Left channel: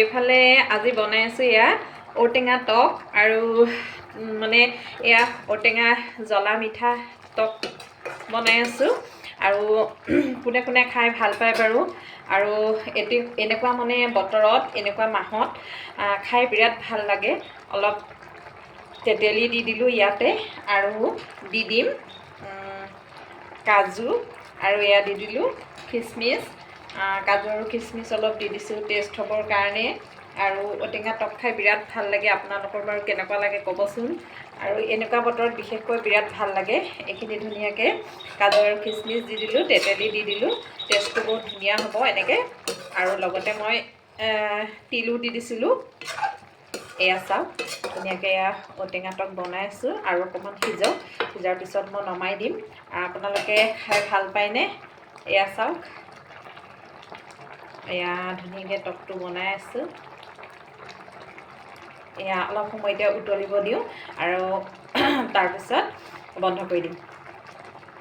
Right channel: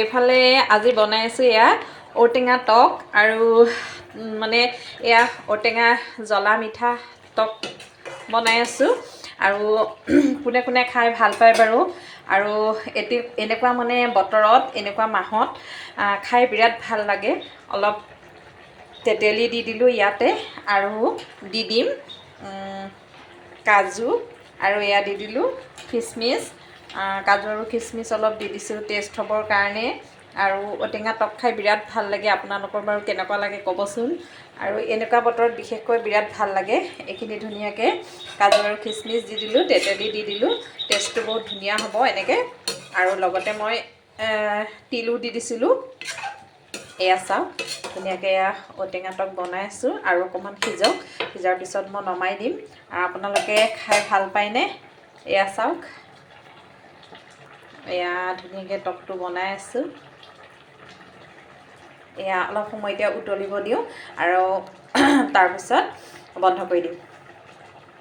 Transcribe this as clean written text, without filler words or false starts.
এইফালে আজি বনাই আছোঁ এয়া ঔটেঙা টক আৰু মানে এয়া ঔটেঙা জ্বলা মিঠা টক বনাই আছোঁ আৰু কোনে কোনে খাই ভাল পায় বাৰু আৰু এনেকুৱা মানে বতৰত এনেকুৱা মাহত খাই বিৰাট ভাল লাগে। অলপ তেতেলী দি দিলোঁ ইয়াতে আৰু দি দিম কাজু আৰু এয়া দি দিলোঁ খিচমিচ। কাজু আৰু খিচমিচ অলপ দি দিছোঁ টেষ্ট হ'বৰ কাৰণে। আৰু ঔটেঙা টক খাই বিৰাট ভাল লাগে। আপোনালোকৰ বাৰু কেনেকুৱা লাগে ক'বচোন। আৰু এনেকুৱা বতৰত বিশেষকৈ বিৰাট ভাল লাগে। এইখিনি ধুনীয়াকৈ কাজু আৰু খিচমিচ দি দিলোঁ, তেতেলী দি দিলোঁ, টেষ্টটো বহুত ধুনীয়া হ'ব এনেকৈ। আৰু লগতে মই তিলো দি দিছিলোঁ। এয়া চাওক ধুনীয়াকৈ এয়া ঔটেঙা টক বনাই আছোঁ আৰু অকণমান সিজক, সিজাৰ পিছত মই নমাই দিম। আপোনালোকে খাই ভাল পায়নে? এয়া চাওক এয়া ধুনীয়াকৈ টকটো বনাই আছোঁ। এয়া অলপ সময় এতিয়া উতলিব দিওঁ আৰু তাৰপিছত বন্ধ কৰি দিম।